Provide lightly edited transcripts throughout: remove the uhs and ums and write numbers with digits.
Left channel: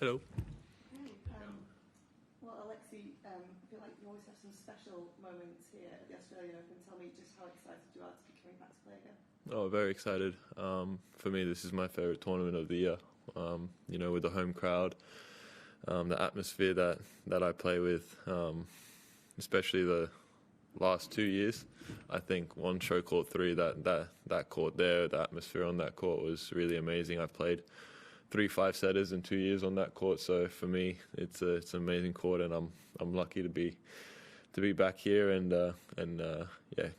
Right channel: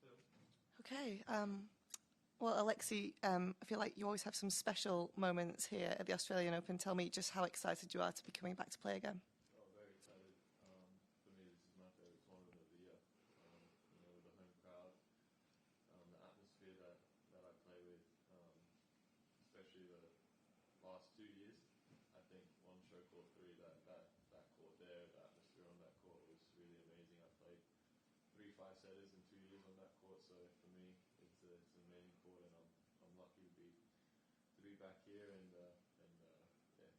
Hello. Okay. Well, Alexei, I feel like you always have some special moments here at the Australian Open. Tell me just how excited you are to be coming back to play again. Oh, very excited. For me, this is my favourite tournament of the year. With the home crowd, the atmosphere that I play with, especially the last 2 years. I think on show court 3, that court there, the atmosphere on that court was really amazing. I've played 3 5-setters in 2 years on that court, so for me, it's an amazing court, and I'm lucky to be back here and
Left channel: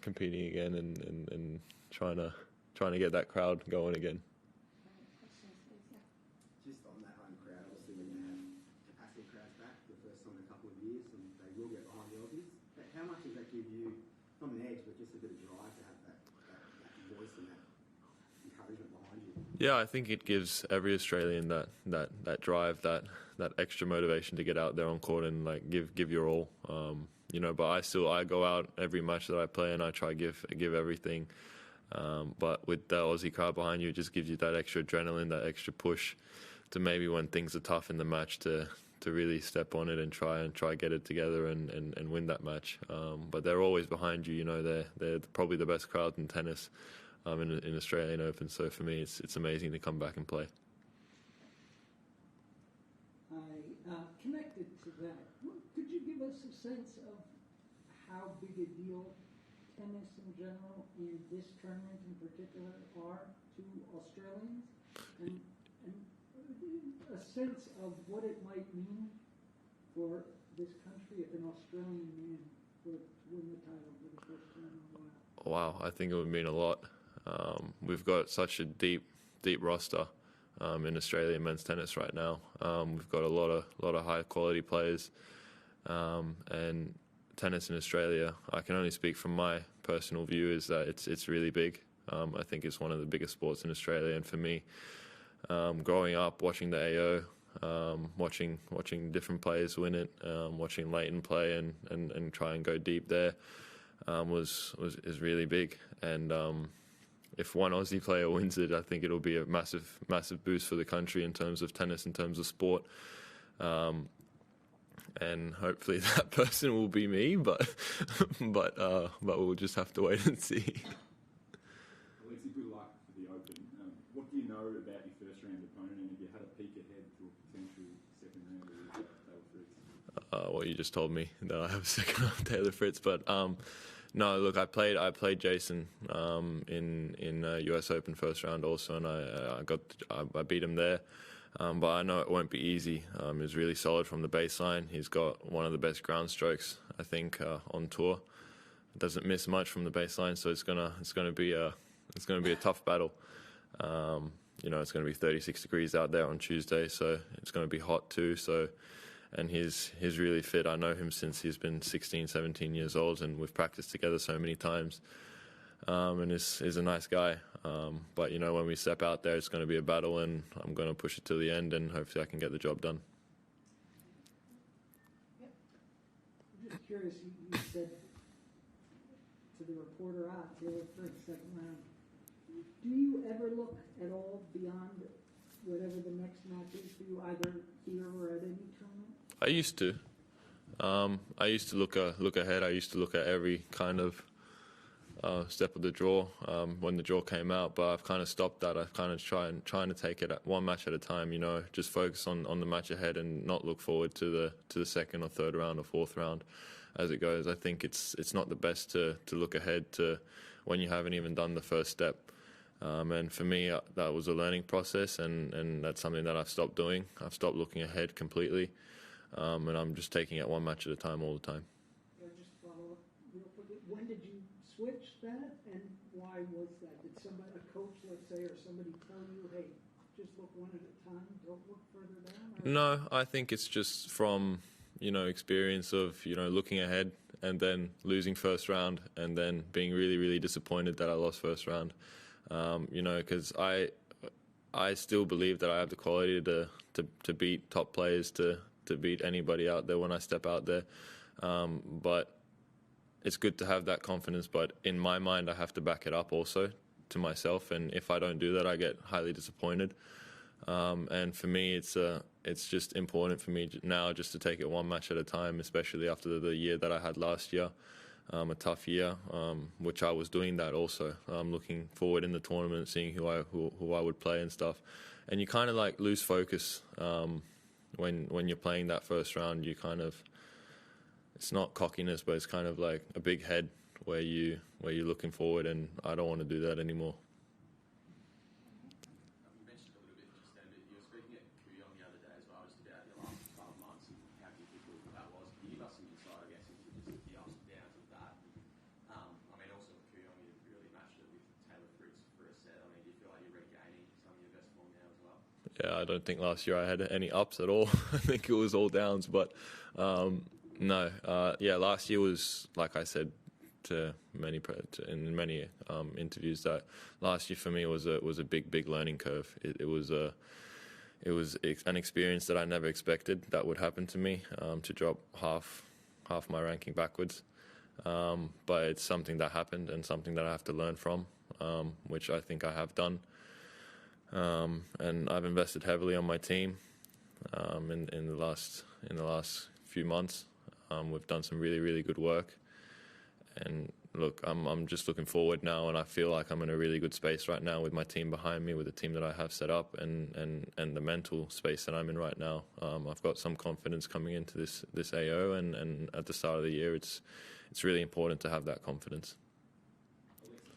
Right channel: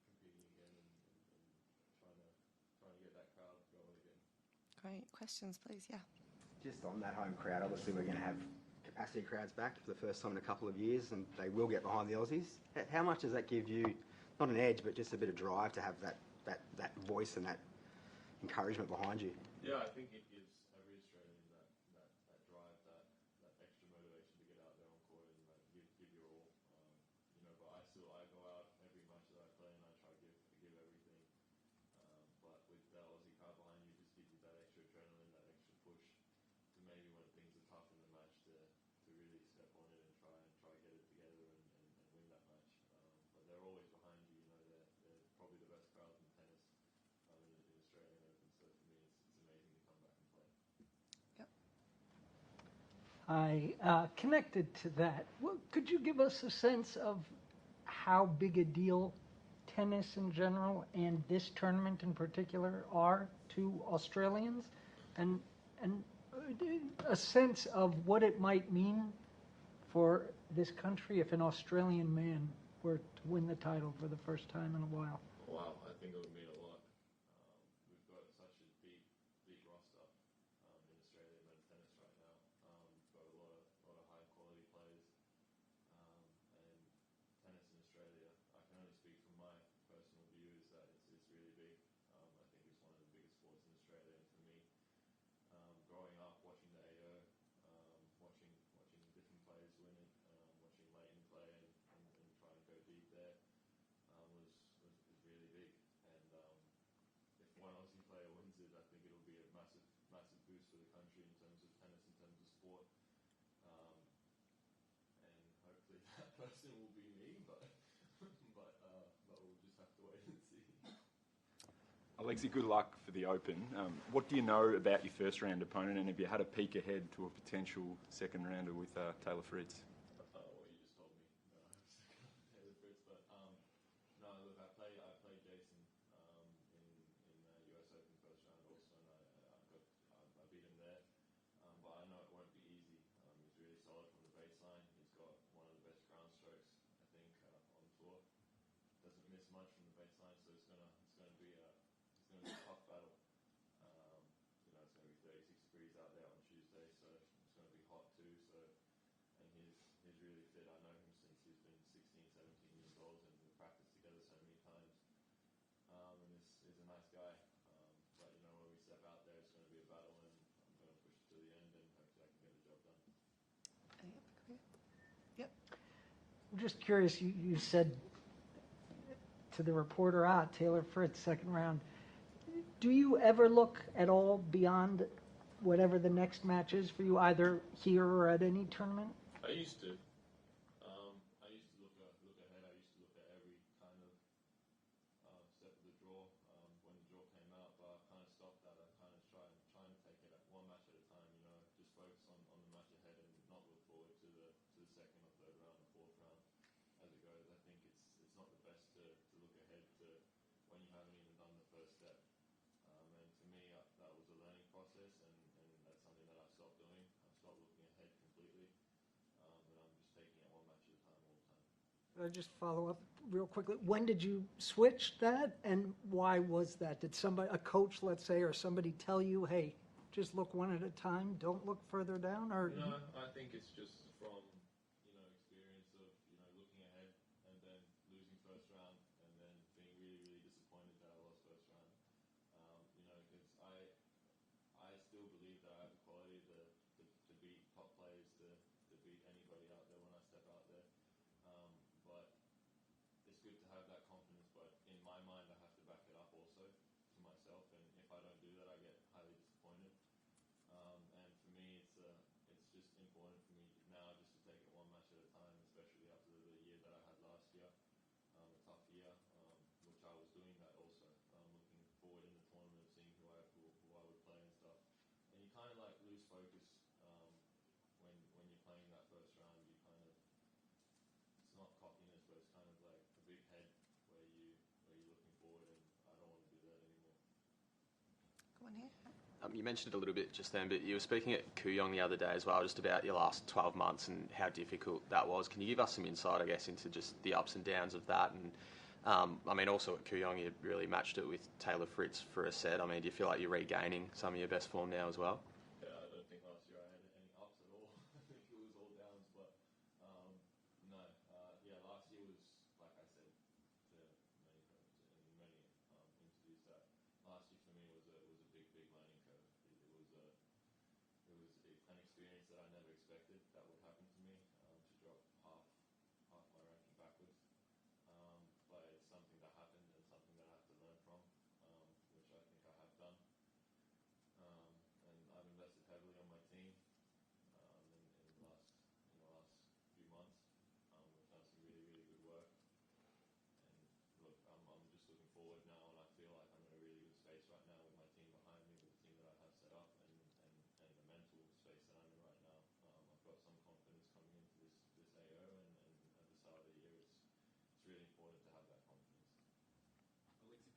competing again and trying to get that crowd going again. Great. Questions, please. Yeah. Just on that home crowd, obviously we're going to have capacity crowds back for the first time in a couple of years, and they will get behind the Aussies. How much does that give you, not an edge, but just a bit of drive to have that voice and that encouragement behind you? Yeah, I think it gives every Australian that drive, that extra motivation to get out there on court and give your all. But I go out every match that I play and I try to give everything. But with the Aussie crowd behind you, it just gives you that extra adrenaline, that extra push to maybe when things are tough in the match to really step on it and try get it together and win that match. But they're always behind you. They're probably the best crowd in tennis in Australian Open. So for me, it's amazing to come back and play. Connected to that, could you give us a sense of how big a deal tennis in general and this tournament in particular are to Australians, and a sense of what it might mean for this country if an Australian man were to win the title for the first time in a while? Wow, I think it would mean a lot. We've got such a deep roster in Australian men's tennis right now. We've got a lot of high quality players, and tennis in Australia, I can only speak from my personal view, is that it's really big. I think it's one of the biggest sports in Australia, and for me, growing up watching the AO, watching different players win it, watching Leighton play and try and go deep there is really big. And if one Aussie player wins it, I think it'll be a massive boost for the country in terms of tennis, in terms of sport. And hopefully that person will be me, but we'll just have to wait and see. Alexei, good luck for the Open. What do you know about your first round opponent, and have you had a peek ahead to a potential second rounder with Taylor Fritz? Well, you just told me that I have a second round Taylor Fritz, but no, look, I played Jason in US Open first round also, and I beat him there. But I know it won't be easy. He's really solid from the baseline. He's got one of the best ground strokes, I think, on tour. Doesn't miss much from the baseline, so it's gonna be a tough battle. It's going to be 36 degrees out there on Tuesday, so it's going to be hot too. So, and he's really fit. I know him since he's been 16, 17 years old, and we've practiced together so many times. And he's a nice guy. But when we step out there, it's going to be a battle, and I'm going to push it to the end, and hopefully I can get the job done. Yep. I'm just curious. You said to the reporter, Taylor Fritz, second round. Do you ever look at all beyond whatever the next match is for you, either here or at any tournament? I used to. I used to look ahead. I used to look at every kind of step of the draw when the draw came out, but I've kind of stopped that. I've kind of trying to take it one match at a time. Just focus on the match ahead and not look forward to the second or third round or fourth round as it goes. I think it's not the best to look ahead to when you haven't even done the first step. And for me, that was a learning process, and that's something that I've stopped doing. I've stopped looking ahead completely, and I'm just taking it one match at a time all the time. Can I just follow up real quickly? When did you switch that, and why was that? Did somebody, a coach, let's say, or somebody tell you, hey, just look one at a time, don't look further down? Or No, I think it's just from experience of looking ahead and then losing first round, and then being really, really disappointed that I lost first round. Because I still believe that I have the quality to beat top players, to beat anybody out there when I step out there. But it's good to have that confidence, but in my mind I have to back it up also to myself, and if I don't do that I get highly disappointed. And for me, it's just important for me now just to take it one match at a time, especially after the year that I had last year, a tough year, which I was doing that also, looking forward in the tournament, seeing who I would play and stuff. And you kind of like lose focus when you're playing that first round. You kind of, it's not cockiness, but it's kind of like a big head where you're looking forward, and I don't want to do that anymore. You mentioned it a little bit just then, but you were speaking at Kooyong the other day as well, just about your last 12 months and how difficult that was. Can you give us some insight, I guess, into just the ups and downs of that? And I mean, also at Kooyong, you really matched it with Taylor Fritz for a set. I mean, do you feel like you're regaining some of your best form now as well? Yeah, I don't think last year I had any ups at all. I think it was all downs, but no. Yeah, last year was, like I said in many interviews, that last year for me was a big learning curve. It was an experience that I never expected that would happen to me, to drop half my ranking backwards. But it's something that happened and something that I have to learn from, which I think I have done. And I've invested heavily on my team in the last few months. We've done some really good work. And look, I'm just looking forward now, and I feel like I'm in a really good space right now with my team behind me, with the team that I have set up, and the mental space that I'm in right now. I've got some confidence coming into this AO, and at the start of the year, it's really important to have that confidence.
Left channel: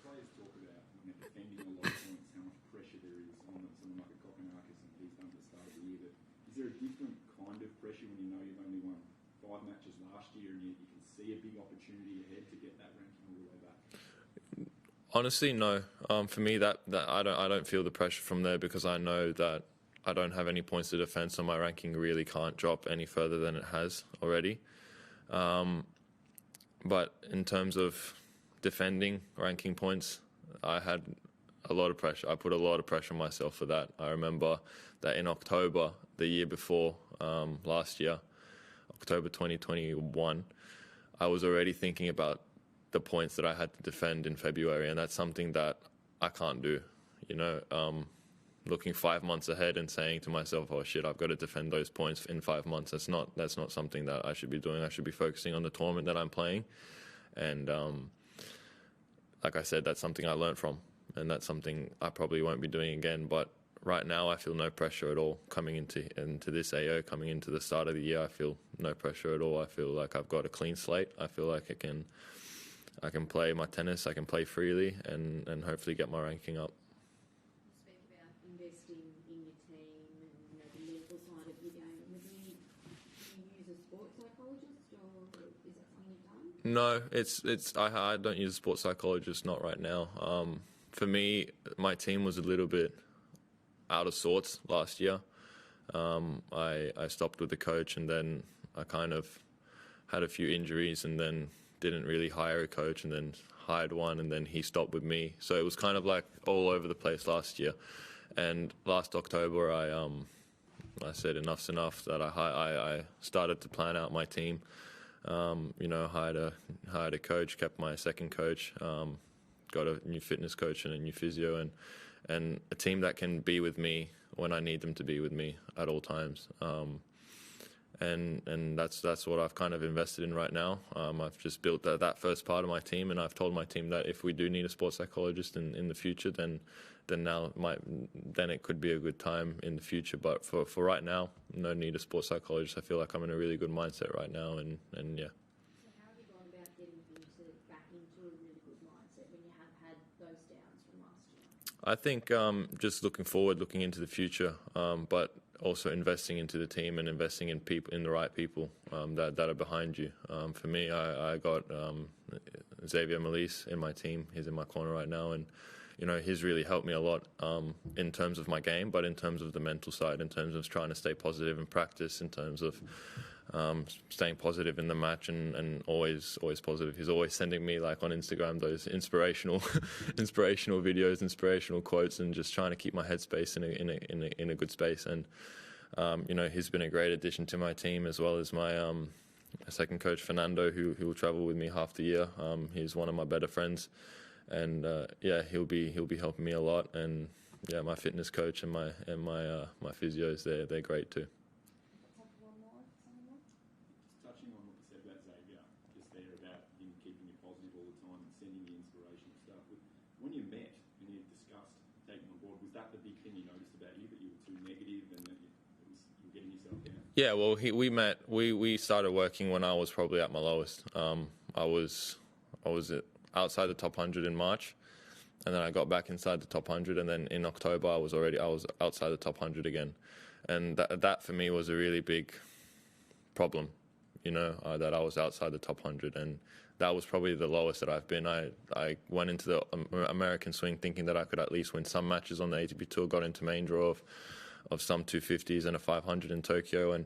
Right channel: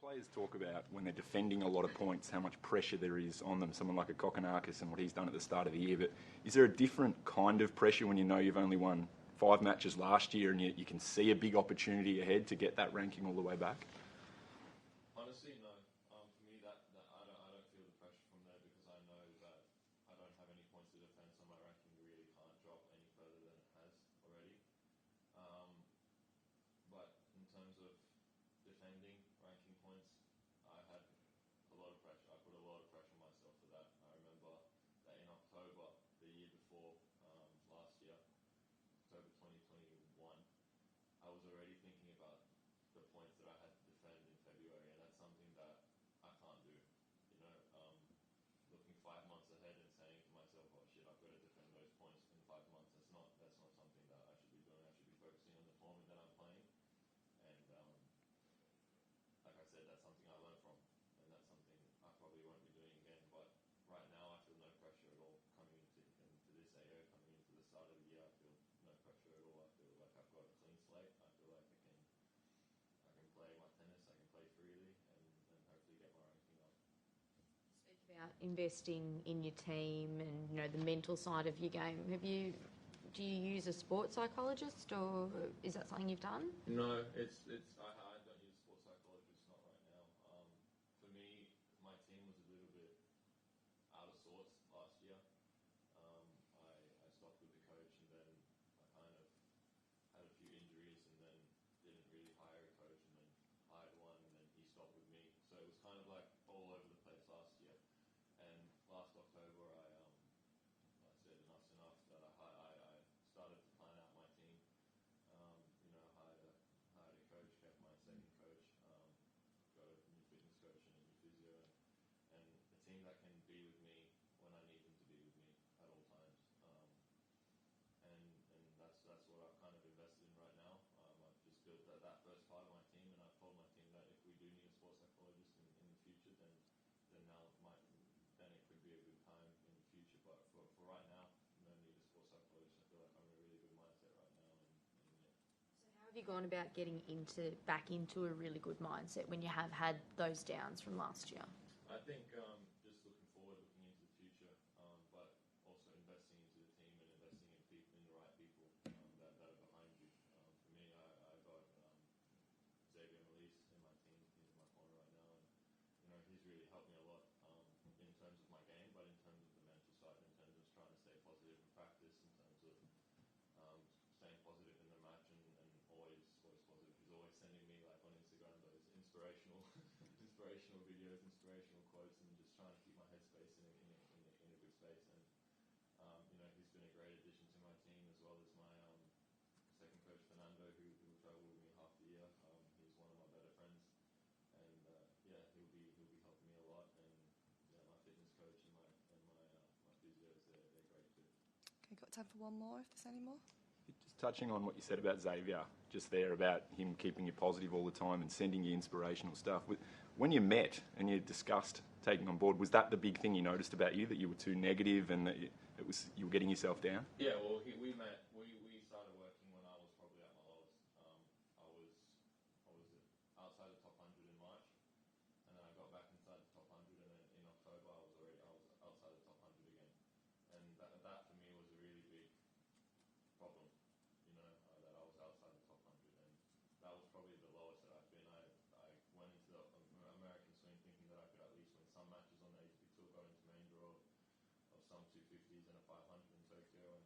Players talk about when they're defending a lot of points, how much pressure there is on them, someone like a Kokkinakis and what he's done at the start of the year. But is there a different kind of pressure when you know you've only won 5 matches last year and you can see a big opportunity ahead to get that ranking all the way back? Honestly, no. For me, that I don't feel the pressure from there, because I know that I don't have any points to defend, so my ranking really can't drop any further than it has already. But in terms of defending ranking points, I had a lot of pressure. I put a lot of pressure on myself for that. I remember that in October, the year before, last year, October 2021, I was already thinking about the points that I had to defend in February, and that's something that I can't do. You know, looking 5 months ahead and saying to myself, "Oh shit, I've got to defend those points in 5 months." That's not something that I should be doing. I should be focusing on the tournament that I'm playing, and like I said, that's something I learned from, and that's something I probably won't be doing again. But right now, I feel no pressure at all coming into this AO, coming into the start of the year. I feel no pressure at all. I feel like I've got a clean slate. I feel like I can play my tennis. I can play freely, and hopefully get my ranking up. You speak about investing in your team and the mental side of your game. Do you use a sports psychologist, or is that something you've done? No, I don't use a sports psychologist, not right now. For me, my team was a little bit out of sorts last year. I stopped with the coach, and then I kind of had a few injuries, and then didn't really hire a coach, and then hired one, and then he stopped with me. So it was kind of like all over the place last year. And last October, I said enough's enough, that I started to plan out my team. Hired a coach, kept my second coach, got a new fitness coach and a new physio, and a team that can be with me when I need them to be with me at all times. And that's what I've kind of invested in right now. I've just built that first part of my team, and I've told my team that if we do need a sports psychologist in the future, then it could be a good time in the future. But for right now, no need a sports psychologist. I feel like I'm in a really good mindset right now, and yeah. So how have you gone about getting back into a really good mindset when you have had those downs from last year? I think just looking forward, looking into the future, but also investing into the team and investing in people, in the right people that are behind you. For me, I got Xavier Malise in my team. He's in my corner right now, and he's really helped me a lot in terms of my game, but in terms of the mental side, in terms of trying to stay positive in practice, in terms of staying positive in the match, and always positive. He's always sending me, like on Instagram, those inspirational videos, inspirational quotes, and just trying to keep my headspace in a good space. And he's been a great addition to my team, as well as my second coach Fernando, who will travel with me half the year. He's one of my better friends, and he'll be helping me a lot. And my fitness coach and my physios, they're great too. We've got time for one more, if there's any more. Just touching on what you said about Xavier, just there about him keeping you positive all the time and sending you inspirational stuff. When you met and you discussed taking on board, was that the big thing you noticed about you, that you were too negative and that you were getting yourself down? Yeah, well, we started working when I was probably at my lowest. I was outside the top 100 in March, and then I got back inside the top 100, and then in October I was outside the top 100 again, and that for me was a really big problem, that I was outside the top 100, and that was probably the lowest that I've been. I went into the American swing thinking that I could at least win some matches on the ATP Tour, got into main draw of some 250s and a 500 in Tokyo, and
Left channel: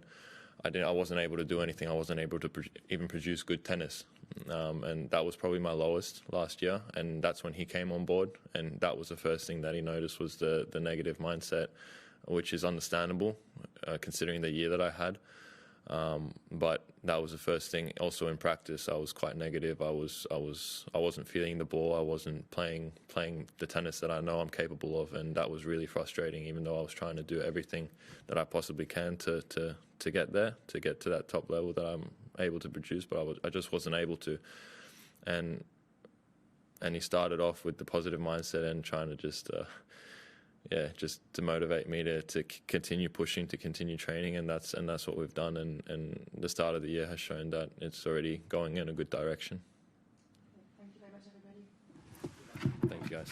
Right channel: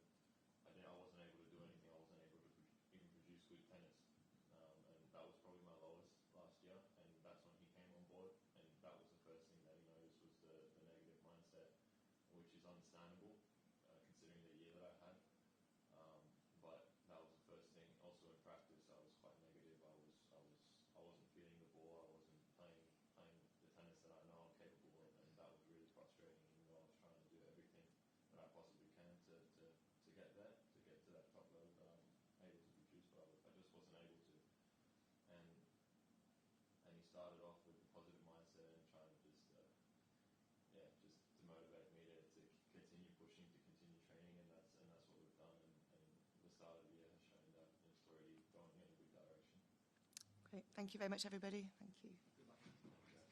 I wasn't able to do anything. I wasn't able to even produce good tennis, and that was probably my lowest last year, and that's when he came on board, and that was the first thing that he noticed was the negative mindset, which is understandable considering the year that I had. But that was the first thing. Also in practice, I was quite negative. I wasn't feeling the ball. I wasn't playing the tennis that I know I'm capable of, and that was really frustrating. Even though I was trying to do everything that I possibly can to get there, to get to that top level that I'm able to produce, but I just wasn't able to. And he started off with the positive mindset and trying to just to motivate me to continue pushing, to continue training, and that's what we've done. And the start of the year has shown that it's already going in a good direction. Great. Thank you very much, everybody. Thank you, guys.